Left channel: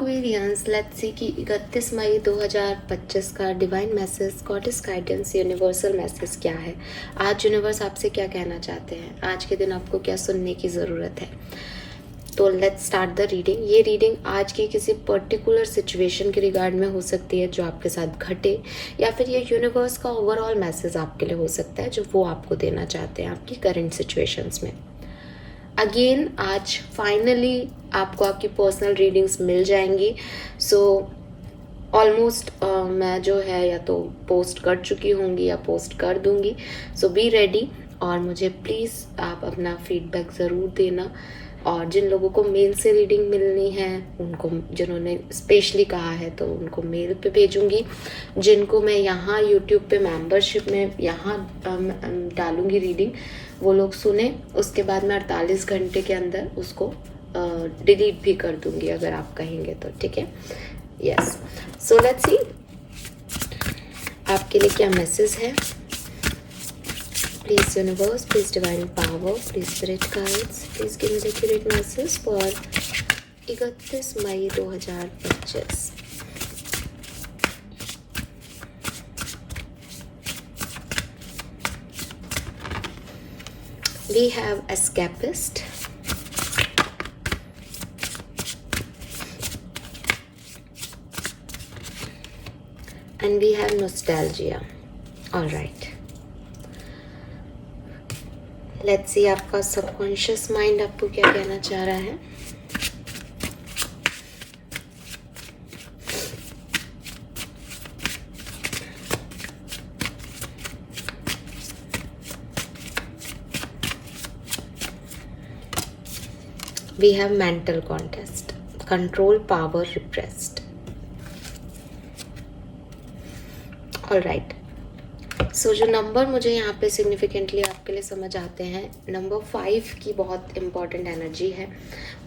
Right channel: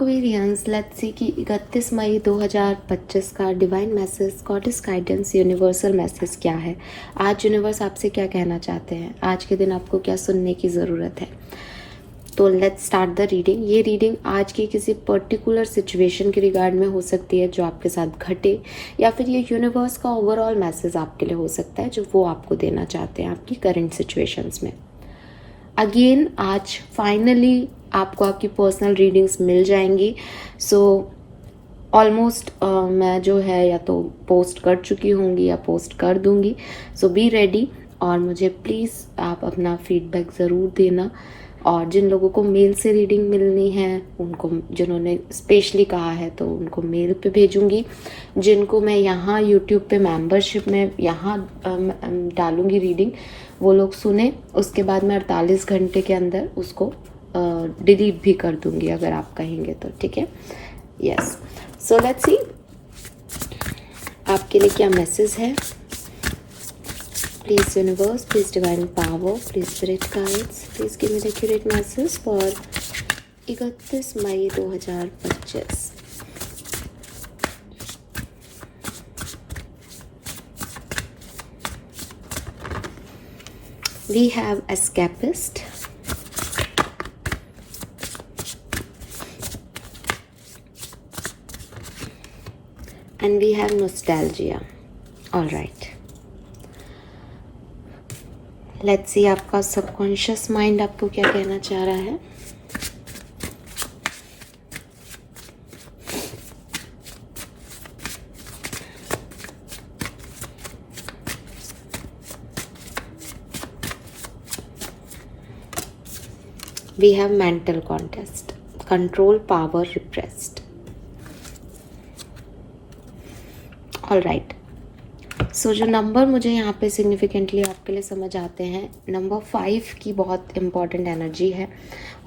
Aquarians, let's see कि 31 May 2025 का divine message, goddess guidance, universal message क्या है। आज यूनिवर्स आपसे क्या कहना चाहते हैं, आज के दिन आपको क्या सुनने की ज़रूरत है। तो लेट्स स्टार्ट द रीडिंग। ये रीडिंग आज की किसी पर्टिकुलर सिचुएशन के रिगार्ड में हो सकती है जो आपके साथ घटे, या फिर ये यूनिवर्स का ओवरऑल मैसेज आपके लिए हो सकता है जो वो आपको देना चाहते हैं आपकी करंट सिचुएशंस में। अगेन आज फाइनली आपको आपकी पर्सनल रीडिंग्स मिल जाएंगी। सो ऑलमोस्ट मैं जो है या तो पोस्ट कर चुकी होंगी या पोस्ट कर दूंगी। सो बी रेडी और मुझे प्लीज़ आप अपना फीडबैक ज़रूर देना। और जिन लोगों को मेल से रीडिंग मिलनी है उनको, जिन्होंने स्पेशली कहा है तो उनको मेल पे भेजूंगी। जिनको मैं यहाँ यूट्यूब पे मेंबरशिप में यहाँ डालूंगी रीडिंग, वो लोग सुने, उसके बाद मैं 48 घंटे के अंदर उसको डिलीट भी कर दूंगी अगर आप कहेंगे तो, ठीक है। यस, सो लेट्स सी आपके लिए क्या मैसेज है। Please universe, please divine power, please spirit guides, please give me the accurate message for 31 May 2025। We have escapist, and we have nostalgia. All right. Let's see आपका subconscious mind आपको क्या कहना चाह रहा है। We have mental contest, control, power, repressed. All right, so जो number मुझे यहाँ पे सिग्निफिकेंटली आपके लिए समझ आते हैं, नंबर 5 की बहुत इम्पॉर्टेंट एनर्जी है।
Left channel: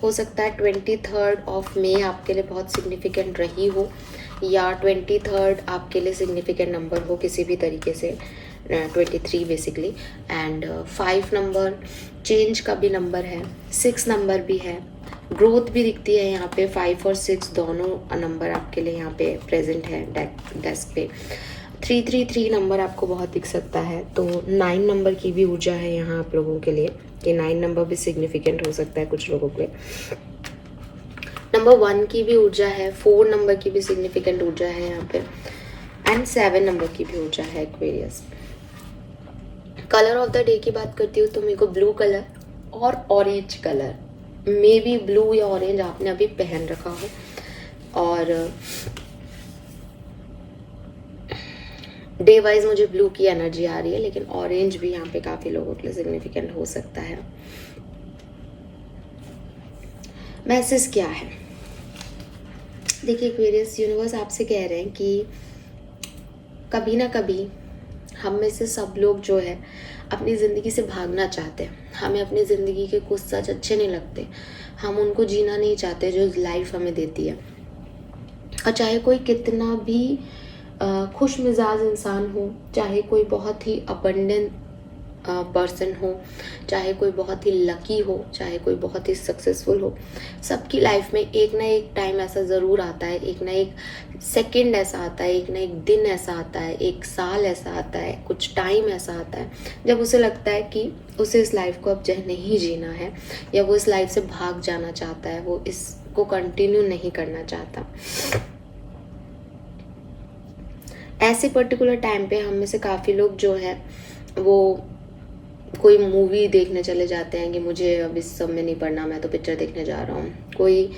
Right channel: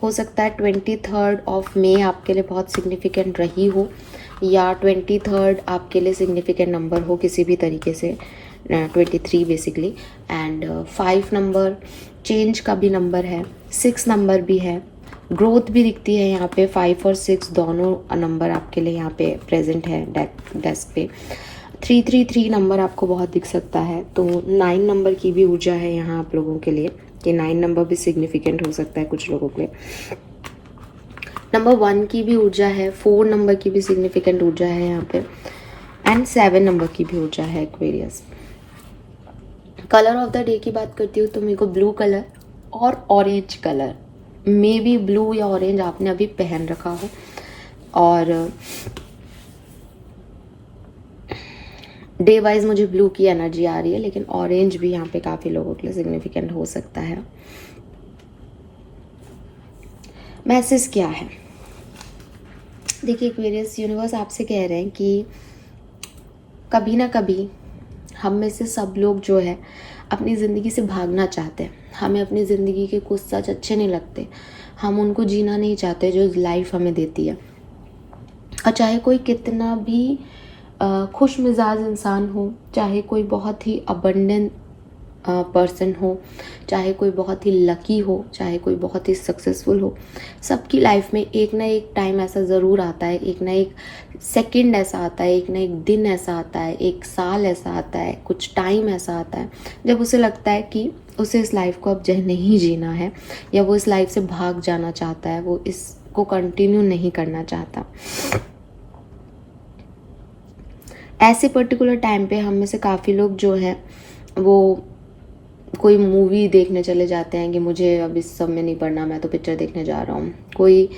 हो सकता है 23 मई आपके लिए बहुत सिग्निफिकेंट रही हो, या 23 आपके लिए सिग्निफिकेंट नंबर हो किसी भी तरीके से, 23 बेसिकली। एंड 5 नंबर चेंज का भी नंबर है, 6 नंबर भी है, ग्रोथ भी दिखती है यहाँ पे। 5 और 6 दोनों नंबर आपके लिए यहाँ पे प्रेजेंट है डेस्क पे। 333 नंबर आपको बहुत दिख सकता है, तो 9 नंबर की भी ऊर्जा है यहाँ आप लोगों के लिए, कि 9 नंबर भी सिग्निफिकेंट हो सकता है कुछ लोगों के। नंबर 1 की भी ऊर्जा है, 4 नंबर की भी सिग्निफिकेंट ऊर्जा है यहाँ पे, एंड 7 नंबर की भी ऊर्जा है Aquarius. Colour of the day की बात करती हूँ तो मेरे को ब्लू कलर और orange colour, may be blue या ऑरेंज आपने अभी पहन रखा हो, और डे वाइज मुझे ब्लू की एनर्जी आ रही है, लेकिन ऑरेंज भी यहाँ पे काफ़ी लोगों के लिए सिग्निफिकेंट हो सकता है। मैसेज क्या है, देखिए एक्वेरियस, यूनिवर्स आपसे कह रहे हैं कि कभी ना कभी हम में से सब लोग जो है अपनी ज़िंदगी से भागना चाहते हैं। हमें अपनी ज़िंदगी के कुछ सच अच्छे नहीं लगते, हम उनको जीना नहीं चाहते जो लाइफ हमें देती है। और चाहे कोई कितना भी खुश मिजाज इंसान हो, चाहे कोई बहुत ही अबंडेंट पर्सन हो, चाहे कोई बहुत ही लकी हो, चाहे कोई बहुत ही सक्सेसफुल हो, सबकी लाइफ में एक ना एक टाइम ऐसा ज़रूर आता है, एक ना एक सेकंड ऐसा आता है, एक ना एक दिन ऐसा आता है, एक साल ऐसा आता है, कुछ टाइम ऐसा आता है जब उसे लगता है कि उसे इस लाइफ को अब नहीं जीना है, या वो इस लाइफ से भाग जाना चाहता है, वो इसको कंटिन्यू नहीं करना चाहता। ऐसे पर्टिकुलर टाइम पे हम में से काफ़ी लोग जो है वो कोई मूवी देखने चले जाते हैं कि मुझे अब इस सब में नहीं पढ़ना, मैं तो पिक्चर देखने जा रहा हूँ। कोई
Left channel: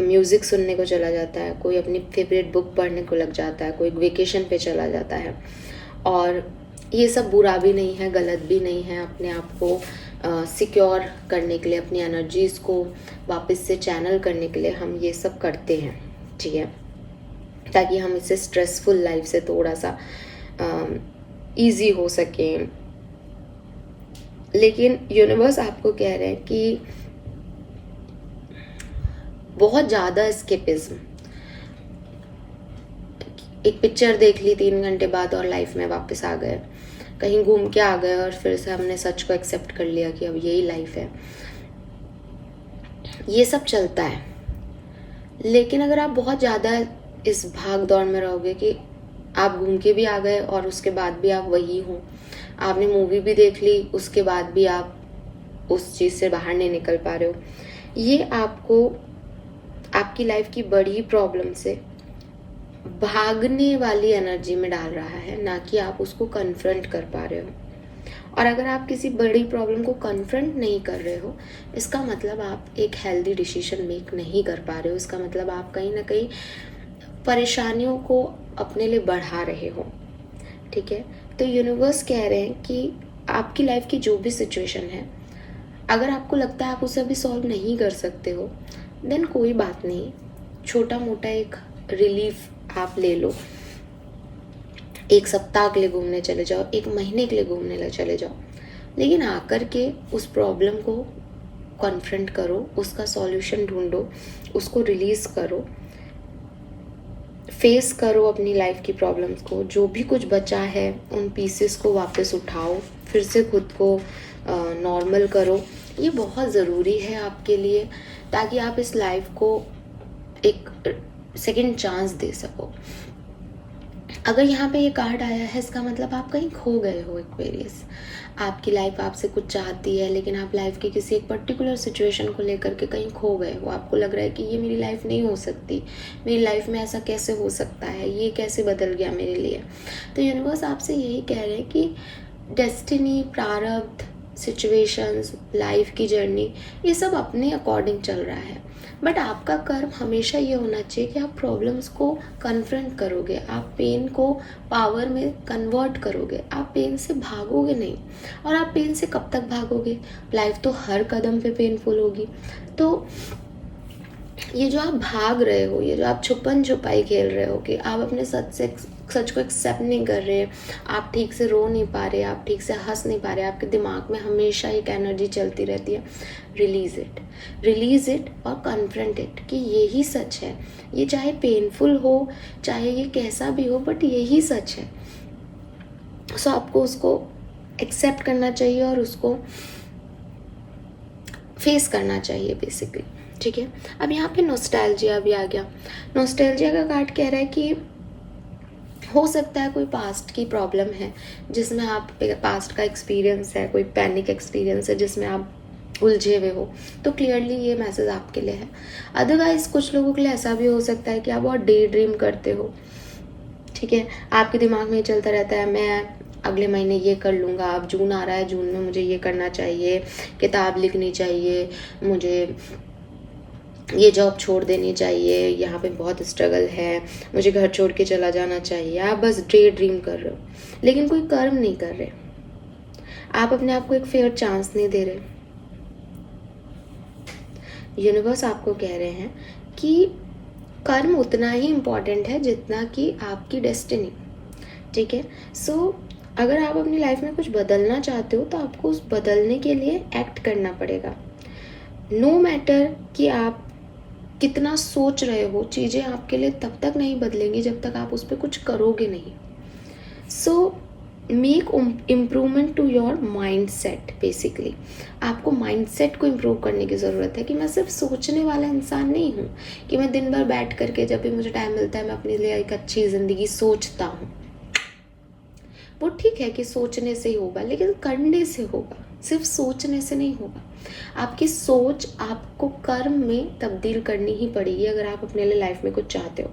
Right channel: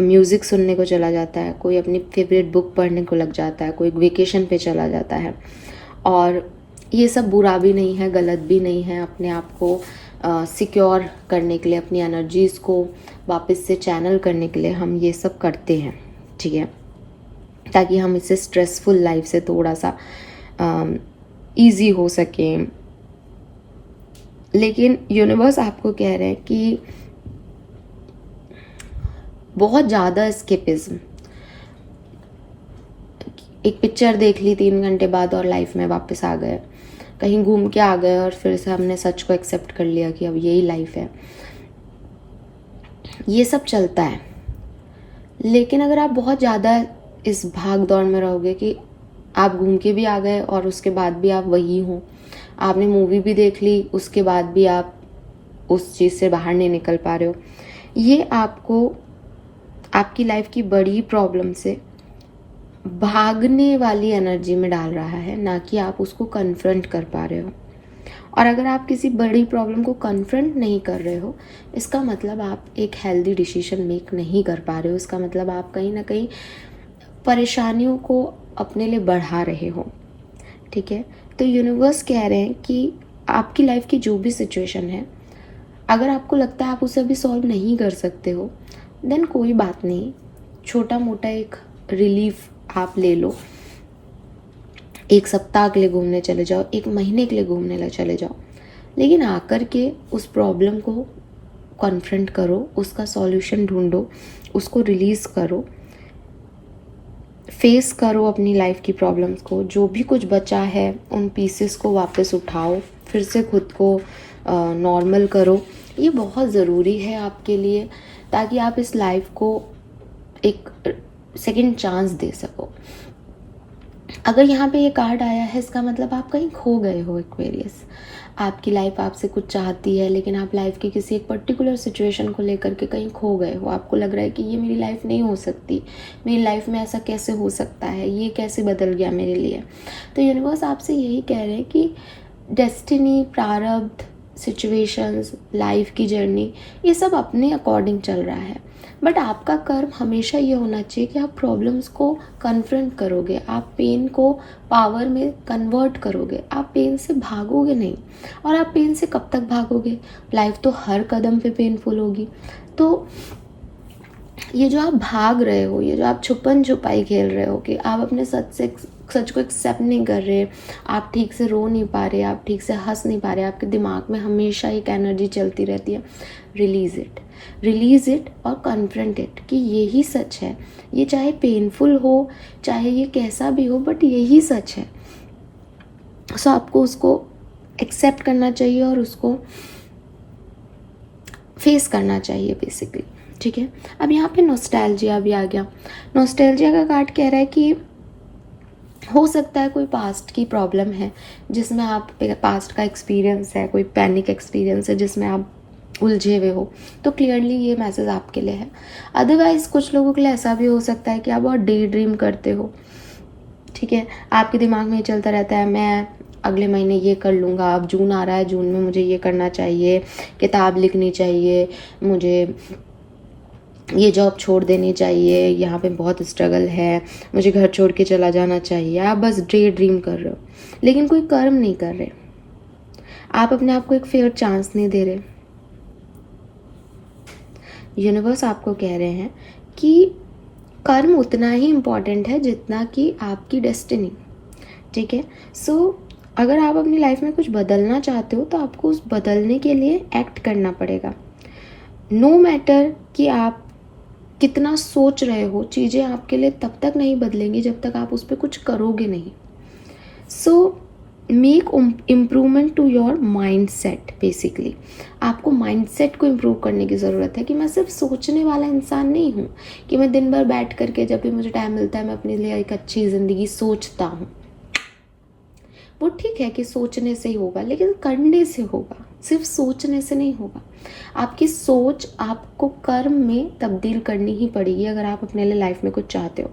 म्यूज़िक सुनने को चला जाता है, कोई अपनी फेवरेट बुक पढ़ने को लग जाता है, कोई वेकेशन पे चला जाता है। और ये सब बुरा भी नहीं है, गलत भी नहीं है। अपने आप को सिक्योर करने के लिए, अपनी एनर्जीज़ को वापस से चैनल करने के लिए हम ये सब करते हैं, ठीक है, ताकि हम इसे स्ट्रेसफुल लाइफ से थोड़ा सा इजी हो सके। लेकिन यूनिवर्स आपको कह रहे हैं कि बहुत ज़्यादा एस्केपिज्म, एक पिक्चर देख ली 3 घंटे बाद और लाइफ में वापस आ गए, कहीं घूम के आ गए और फिर से हमने सच को एक्सेप्ट कर लिया कि अब यही लाइफ है। ये सब चलता है, लेकिन अगर आप बहुत ज़्यादा इस भाग दौड़ में रहोगे कि आप घूम के भी आ गए और उसके बाद भी आप वही हो, आपने मूवी भी देख ली उसके बाद भी आप उस चीज़ से बाहर नहीं निकल पा रहे हो, ये आपको आपकी लाइफ की बड़ी प्रॉब्लम से भागने वाली एनर्जी में डाल रहा है, ना कि आप उसको कन्फ्रंट कर पा रहे हो। और अगर आप किसी बड़ी प्रॉब्लम को कन्फ्रंट नहीं कर रहे हो, इसका मतलब आप एक हेल्दी डिसीजन मेक नहीं कर पा रहे हो। इसका मतलब आप कहीं ना कहीं परेशानियों को अपने लिए बढ़ा रहे हो। ठीक है, तो यूनिवर्स कह रहे हैं कि आपकी लाइफ की जो भी सिचुएशन है, अगर आपको लगता है आप उसे अभी सॉल्व नहीं कर सकते हो, देन कोई बात नहीं, छोटा मोटा एक रिलीफ आप ले लो। एक सप्ताह के लिए घूमने चले जाओ, एक महीने के लिए घूमने चले जाओ, लेकिन आकर के उस प्रॉब्लम को कॉन्फ्रंट करो, उसका सॉल्यूशन ढूंढो, उसको रिलीज करो, फेस करो अपनी लाइफ की प्रॉब्लम्स को। जो भी कुछ बचा है उन पीसेस को वापस उठाओ, फिर से खुद को नॉर्मल करो। ये बहुत ज़रूरी है आपके लिए, ताकि आप इस लाइफ को एक सेकंड चांस दे सको। अगर यहाँ पे ये कार्ड आया है, इसका मतलब आप कहीं खो गए हो। एक्वेरियस, आपकी लाइफ आपसे कुछ चाहती है, लेकिन आप लाइफ की किसी एक पर्टिकुलर सिचुएशन को लेकर के कहीं खो गए हो। आपको लग रहा है कि ये मेरी लाइफ नहीं हो सकती, मेरी लाइफ में ऐसा कैसे हो सकता है, ये कैसे बदल गया मेरे लिए। तो यूनिवर्स आपसे यही कह रहे हैं कि डेस्टिनी, प्रारब्ध, सिचुएशंस, लाइफ की जर्नी, ये सब अपने अकॉर्डिंग चल रहा है। बट आपका कर्म हमेशा ये होना चाहिए कि आप प्रॉब्लम्स को कन्फ्रंट करोगे, आप पेन को पावर में कन्वर्ट करोगे, आप पेन से भागोगे नहीं। और आप पेन से कब तक भागोगे? लाइफ तो हर कदम पे पेनफुल होगी। तो ये जो आप भाग रहे हो, ये जो आप छुपन छुपाई खेल रहे हो कि आप अपने सच को एक्सेप्ट नहीं कर रहे, आप ठीक से रो नहीं पा रहे, आप ठीक से हंस नहीं पा रहे, आपके दिमाग में हमेशा एक एनर्जी चलती रहती है, रिलीज इट और कन्फ्रंट इट कि यही सच है। ये चाहे पेनफुल हो, चाहे ये कैसा भी हो, बट यही सच है। सो आपको उसको एक्सेप्ट करना चाहिए और उसको फेस करना चाहिए बेसिकली। ठीक है, अब यहाँ पे नॉस्टैल्जिया भी आ गया। नॉस्टैल्जिया का कार्ड कह रहा है कि हो सकता है कोई पास्ट की प्रॉब्लम है जिसमें आप, पास्ट का एक्सपीरियंस है, कोई पैनिक एक्सपीरियंस है जिसमें आप उलझे हुए हो, तो क्लियरली ये मैसेज आपके लिए है। अदरवाइज कुछ लोगों के लिए ऐसा भी हो सकता है कि आप बहुत डे ड्रीम करते हो। ठीक है, आपके दिमाग में चलता रहता है मैं अगले महीने ये कर लूँगा, अब जून आ रहा है, जून में मुझे ये करना चाहिए, किताब लिखनी चाहिए, मुझे ये जॉब छोड़ देनी चाहिए, यहाँ पे बहुत स्ट्रगल है, मुझे घर छोड़ के चला जाना चाहिए। आप बस डे ड्रीम कर रहे हो, लेकिन कोई कर्म नहीं कर रहे। आप अपने आप को एक फेयर चांस नहीं दे रहे। यूनिवर्स आपको कह रहे हैं कि कर्म उतना ही इम्पॉर्टेंट है जितना कि आपकी डेस्टिनी। ठीक है, सो अगर आप अपनी लाइफ में कुछ बदलना चाहते हो तो आपको उस बदलने के लिए एक्ट करना पड़ेगा। नो मैटर कि आप कितना सोच रहे हो, चीज़ें आपके लिए तब तक नहीं बदलेंगी जब तक आप उस पर कुछ करोगे नहीं। So make improvement to your mind set. Basically आपको माइंड सेट को इम्प्रूव करने की ज़रूरत है कि मैं सिर्फ सोचने वाला इंसान नहीं हूँ, कि मैं दिन भर बैठ करके जब भी मुझे टाइम मिलता है मैं अपने लिए एक अच्छी ज़िंदगी सोचता हूँ। वो ठीक है कि सोचने से ही होगा, लेकिन करने से होगा, सिर्फ सोचने से नहीं होगा। आपकी सोच आपको कर्म में तब्दील करनी ही पड़ेगी अगर आप अपने लिए लाइफ में कुछ चाहते हो।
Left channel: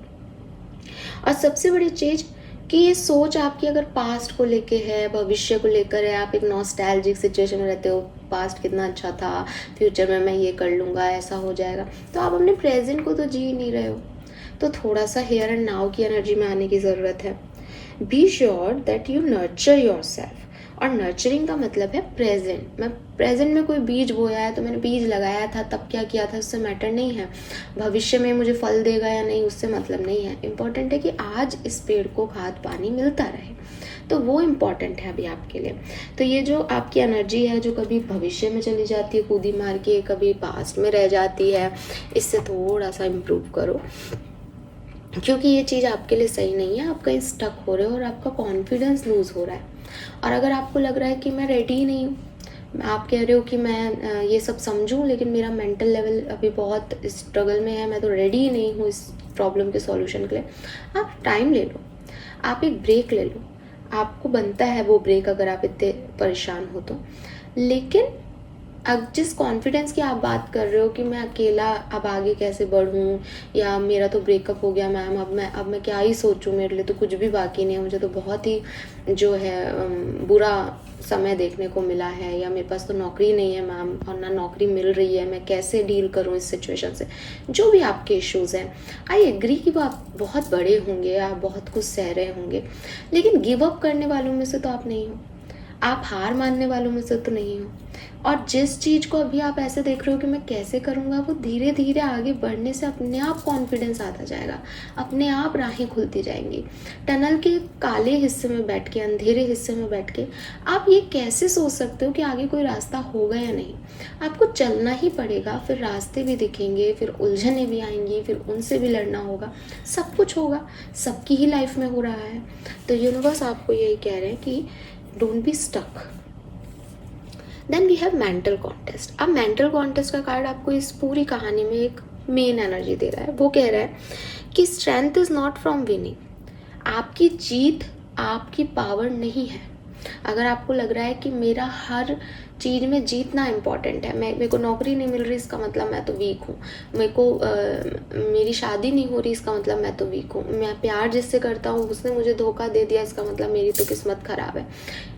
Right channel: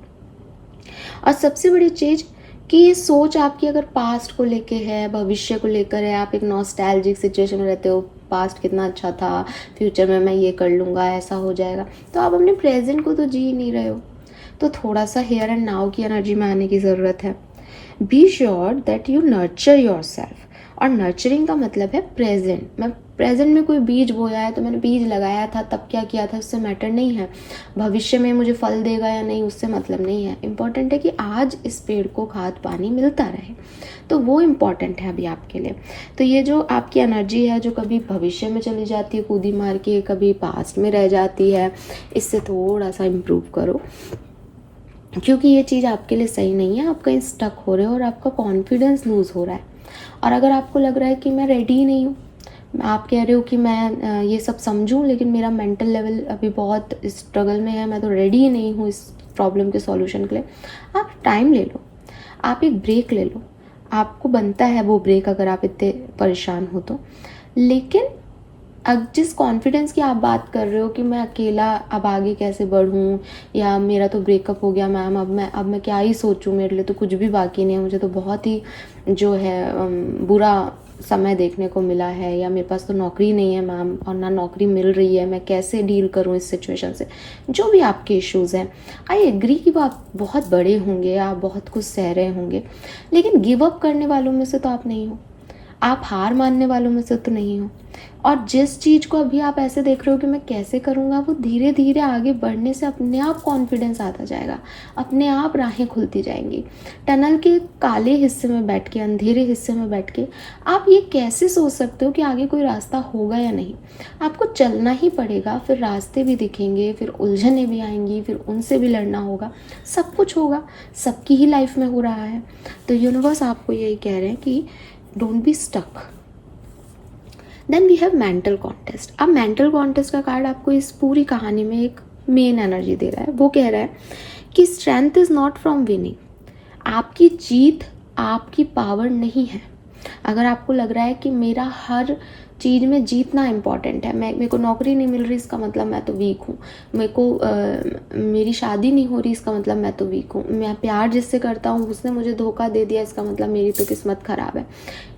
और सबसे बड़ी चीज़ कि ये सोच आपकी अगर पास्ट को लेके है, भविष्य को लेकर है, आप एक नॉस्टैल्जिक सिचुएशन में रहते हो, पास्ट कितना अच्छा था, फ्यूचर में मैं ये कर लूँगा, ऐसा हो जाएगा, तो आप अपने प्रेजेंट को तो जी नहीं रहे हो। तो थोड़ा सा हियर एंड नाउ की एनर्जी में आने की ज़रूरत है। Be sure that you nurture your self. और नर्चरिंग का मतलब है प्रेजेंट। मैं प्रेजेंट में कोई बीज बोया है तो मैंने बीज लगाया था, तब क्या किया था, उससे मैटर नहीं है। भविष्य में मुझे फल देगा या नहीं, उससे मतलब नहीं है। इम्पॉर्टेंट है कि आज इस पेड़ को खाद पानी मिलता रहे, तो वो इम्पॉर्टेंट है अभी आपके लिए। तो ये जो आपकी एनर्जी है जो कभी भविष्य में चली जाती है कूदी मार के, कभी पास्ट में रह जाती है, इससे थोड़ा सा इम्प्रूव करो, क्योंकि ये चीज़ आपके लिए सही नहीं है। आप कहीं स्टक हो रहे हो और आपका कॉन्फिडेंस लूज़ हो रहा है। और अगर आपको लग रहा है कि मैं रेडी ही नहीं हूँ, आप कह रहे हो कि मैं ये सब समझूं, लेकिन मेरा मेंटल लेवल अभी बहुत स्ट्रगल में है, मैं तो रेडी ही नहीं हूँ इस प्रॉब्लम के सॉल्यूशन के लिए। आप टाइम ले लो, आप एक ब्रेक ले लो, आपको बनता है वो ब्रेक अगर आप इतने परेशान हो तो। लेकिन अब जिस कॉन्फिडेंस की आप बात कर रहे हो कि मैं अकेला अब आगे कैसे बढ़ूं, या मेरा तो ब्रेकअप हो गया मैम, अब मैं क्या ही सोचूं, मेरे लिए तो कुछ भी बाकी नहीं है, मुझे तो बहुत ही जो है बुरा समय देखने को मिला है, या मेरे पास तो नौकरी नहीं है मैम और ना नौकरी मिल रही है, मैं कैसे डील करूं इस सिचुएशन से। जो भी आपके इश्यूज़ हैं, आई एग्री कि वो आप बहुत बड़े होंगे, आप बहुत कुछ सह रहे होंगे, लेकिन गिव अप करने वालों में से तो आप नहीं हो, आप हार मानने वालों में से तो नहीं हो। और जिस चीज़ को अभी आप ऐसे देख रहे हो कि मैं कैसे करूँगा, वो धीरे धीरे आगे बढ़ने से अपने आप कॉन्फिडेंस आता जाएगा, अपने आप राहें खुलती जाएंगी। टनल के काले हिस्से में बैठ के, अंधेरे हिस्से में बैठ के आप ये कैसे सोच सकते हो कि आगे कोई रास्ता होगा या नहीं। आपको चलना ही पड़ेगा, फिर रास्ते भी दिखेंगे, फिर उलझनें भी आएंगी, फिर उनसे भी लड़ना होगा, सब कुछ होगा, सबकी ही लाइफ में हो रहा है। तो यूनिवर्स आपको यही कह रहे हैं कि don't be stuck. Then we have mental contest. अब मेंटल कॉन्टेस्ट का कार्ड आपको इस पूरी कहानी में एक मेन एनर्जी दे रहा है। वो कह रहा है कि strength is not from winning. आपकी जीत आपकी पावर नहीं है। अगर आपको लग रहा है कि मेरा हर चीज़ में जीतना इम्पॉर्टेंट है, मेरे को नौकरी नहीं मिल रही इसका मतलब मैं तो वीक हूँ, मेरे को मेरी शादी नहीं हो रही इसका मतलब मैं तो वीक हूँ, मैं प्यार जिससे करता हूँ उसने मुझे धोखा दे दिया इसका मतलब मेरी तो किस्मत खराब है।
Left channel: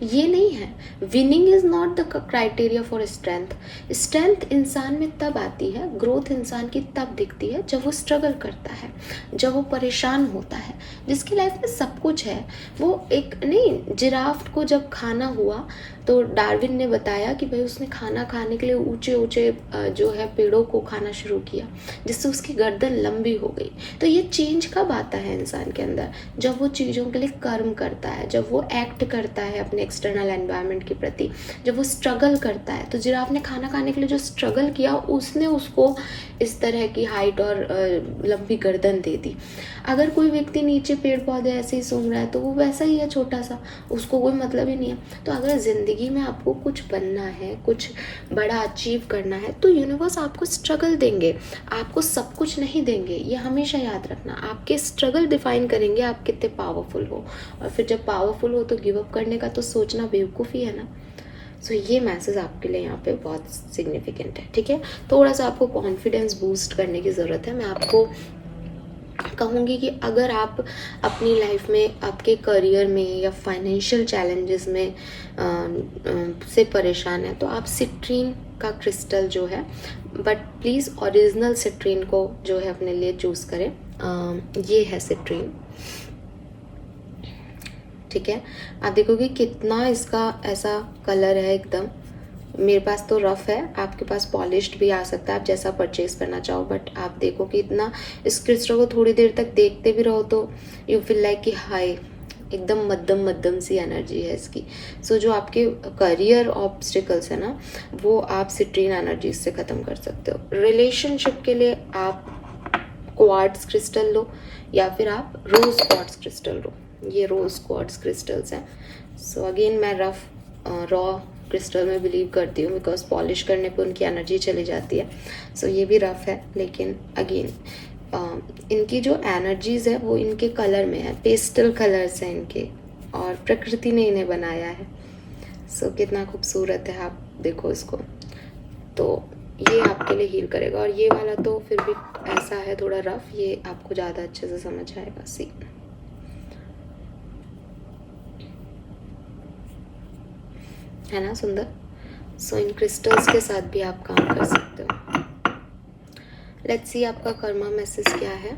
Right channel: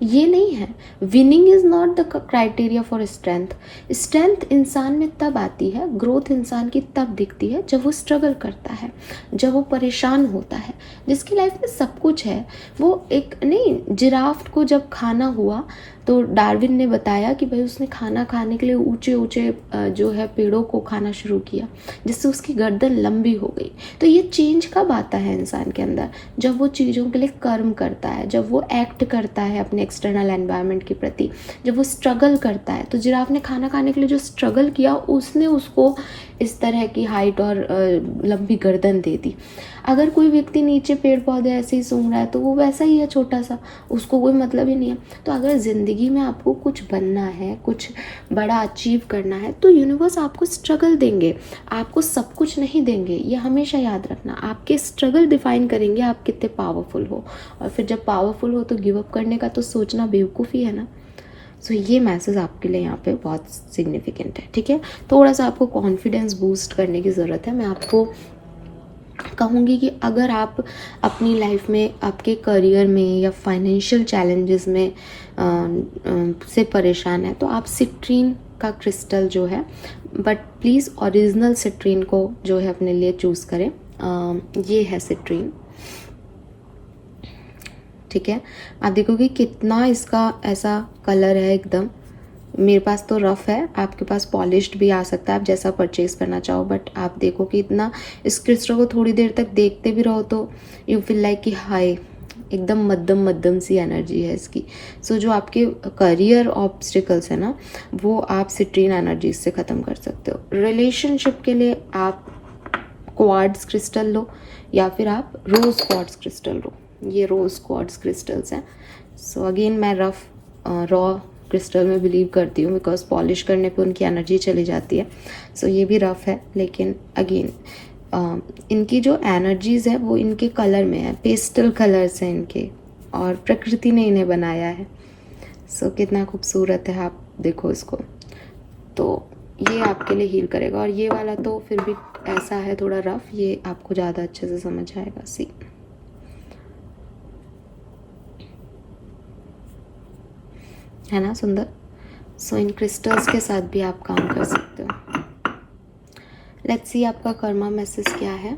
ये नहीं है। Winning is not the criteria for strength. Strength इंसान में तब आती है, ग्रोथ इंसान की तब दिखती है जब वो स्ट्रगल करता है, जब वो परेशान होता है। जिसकी लाइफ में सब कुछ है, वो एक नहीं, जिराफ को जब खाना हुआ तो डार्विन ने बताया कि भाई उसने खाना खाने के लिए ऊंचे ऊंचे जो है पेड़ों को खाना शुरू किया, जिससे उसकी गर्दन लंबी हो गई। तो ये चेंज कब आता है इंसान के अंदर? जब वो चीज़ों के लिए कर्म करता है, जब वो एक्ट करता है अपने एक्सटर्नल एनवायरनमेंट के प्रति, जब वो स्ट्रगल करता है। तो जिराफ ने खाना खाने के लिए जो स्ट्रगल किया, उसने उसको इस तरह की हाइट और लंबी गर्दन दे दी। अगर कोई व्यक्ति नीचे पेड़ पौधे ऐसे ही सूंघ रहा है तो वो वैसा ही है, छोटा सा, उसको कोई मतलब ही नहीं है। तो अगर ज़िंदगी में आपको कुछ बनना है, कुछ बड़ा अचीव करना है, तो यूनिवर्स आपको स्ट्रगल देंगे, आपको सब कुछ नहीं देंगे। ये हमेशा याद रखना, आपके स्ट्रगल डिफाइन करेंगे आप कितने पावरफुल हो। और फिर जब पावरफुल हो तो गिव अप करने का तो सोचना बेवकूफ़ी है ना। सो ये मैसेज आपके लिए यहाँ पे बहुत सिग्निफिकेंट है, ठीक है। थोड़ा सा आपको कॉन्फिडेंस बूस्ट करने की ज़रूरत है। मैं आपको कहूँगी कि अगर आप अपनी लाइफ में, आपके करियर में या फाइनेंशियल चैलेंजेस में से परेशान है, तो आप सिट्रीन का क्रिस्टल जो है, बट प्लीज़ ओरिजिनल सिट्रीन को जो है अपने लिए चूज़ करें। ये है सिट्रीन, ठीक है। आप देखोगे कितना इसका ऐसा कलर है एकदम। मेरे पास तो रफ़ है, आपके पास पॉलिश्ड भी आ सकता है, आप जैसा परचेज करना चाहो। बट आप देखो कि इतना, इस क्रिस्टल को थोड़ी देर तक देखते भी रहो तो यू फील लाइक कि हाय, एकदम मध्यम मध्यम सी एनर्जी है इसकी। सो जो आपके करियर ऑब्स्टिकल्स है ना, वो आप सिट्रीन एनर्जी से ख़त्म कर सकते हो। रिलेशनशिप के लिए आप क्वार्ट्ज क्रिस्टल लो, या फिर आप रोज़ क्वार्ट्ज क्रिस्टल लो। ये रोज़ क्वार्ट्ज क्रिस्टल्स हैं। सो अगेन मैं रॉ क्रिस्टल में बिलीव करती हूँ, बिकॉज पॉलिश करने पे उनकी एनर्जी चली जाती है। सो ये भी रफ है, लेकिन अगेन इनकी जो एनर्जीज़ है वो इनके कलर में है, पेस्टल कलर्स हैं इनके, और प्रकृति ने इन्हें बनाया है। सो कितना खूबसूरत है, आप देखो इसको। तो ये आपके लिए हील करेगा। और ये वाला तो फिर भी ऐसा है थोड़ा रफ, ये आपको ज़्यादा अच्छे से समझ आएगा। सी है ना सुंदर। सो इन क्रिस्टल्स के साथ भी आप काम कर सकते हो। लेट्स सी आपका कर्मा मैसेज क्या है।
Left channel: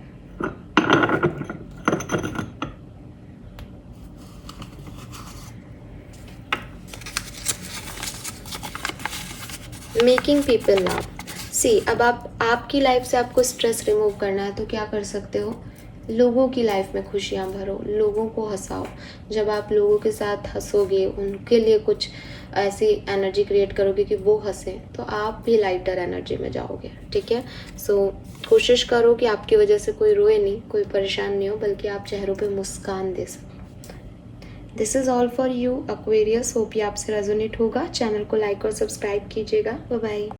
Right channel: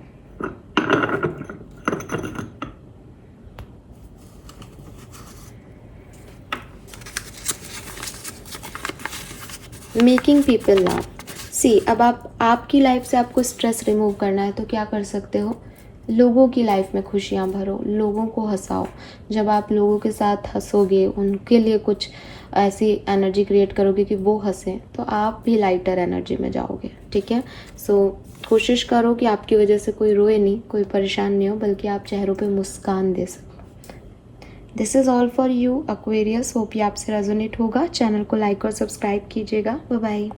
Making people laugh. सी अब आपकी लाइफ से आपको स्ट्रेस रिमूव करना है तो क्या कर सकते हो? लोगों की लाइफ में खुशियाँ भरो, लोगों को हंसाओ। जब आप लोगों के साथ हंसोगे, उनके लिए कुछ ऐसी एनर्जी क्रिएट करोगे कि वो हंसे, तो आप भी लाइटर एनर्जी में जाओगे, ठीक है। सो कोशिश करो कि आपकी वजह से कोई रोए नहीं, कोई परेशान नहीं हो, बल्कि आप चेहरों पे मुस्कान दे सको। This is all for you Aquarius. Hope ये आपसे रेजोनेट होगा। चैनल को लाइक और सब्सक्राइब कीजिएगा। Bye bye.